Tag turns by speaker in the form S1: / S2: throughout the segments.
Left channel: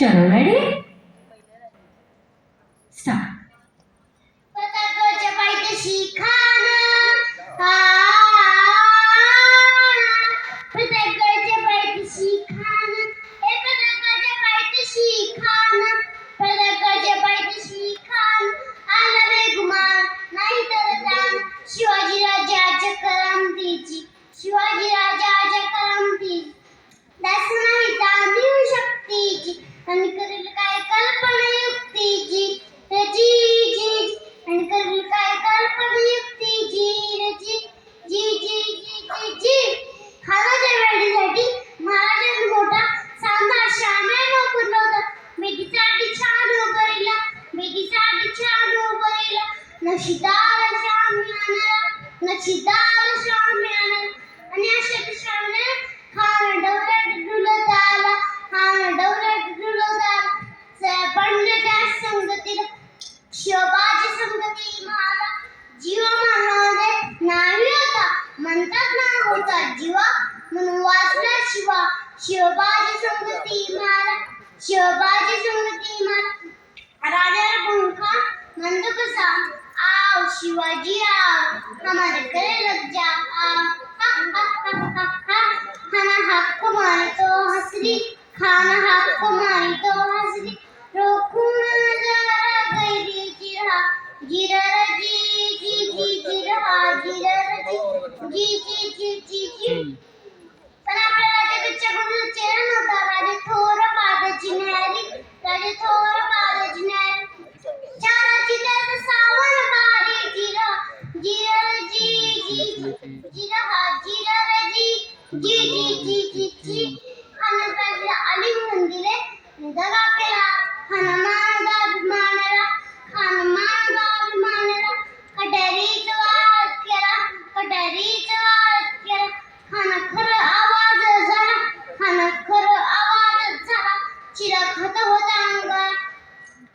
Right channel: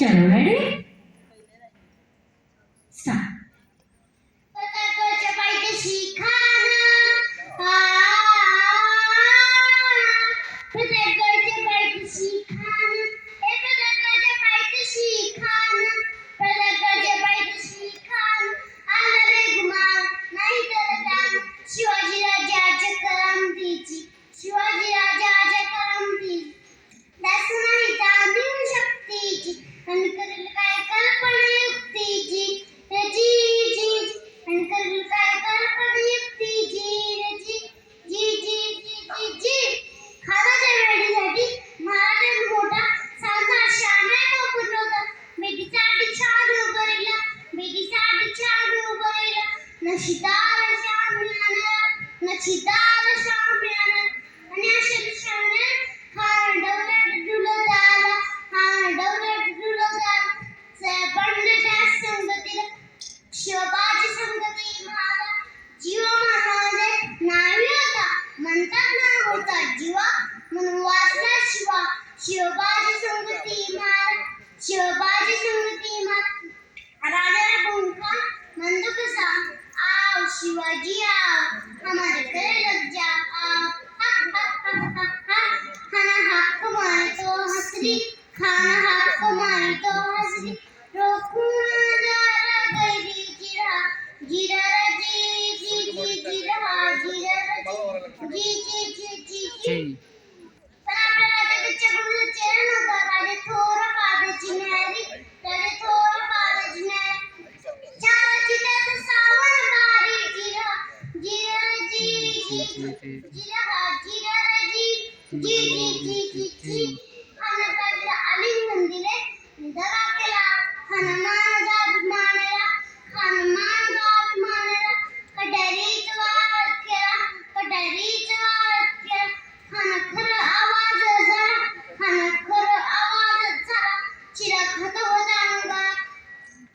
S1: Get ready? Stop.
S2: But I'm going to fight the she Shiva शिवबाजी संगती मारा शिवबाजी संगती मारा देते हैं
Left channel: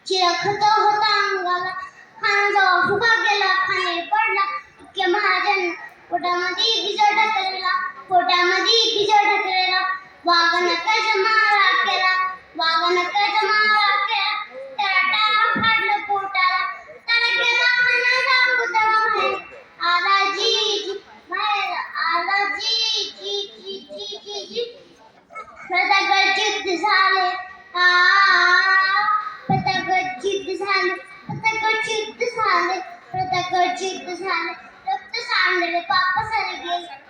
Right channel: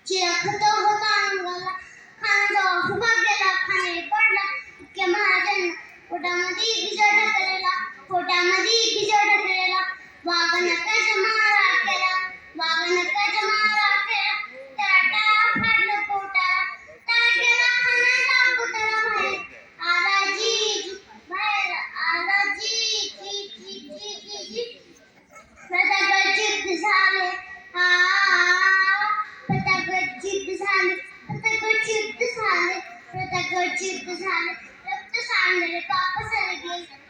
S2: चिराखत होता अंगाला खाना जावा पोटामध्ये बिजळ ढकलला पोटामध्ये बिजळ ढकलला वागन कज मारा केला वागन कज मारा केला, टाटा काढलं पोटाला. तर केला खाना सांगू त्याला बाहेर आला जी बाहेर आला जी जी जी जी जी जी प्रथा गचित झाले. आ प्रथा गचित झाले. प्रथा गचित झाले. प्रथा गचित झाले. and the a Celebrate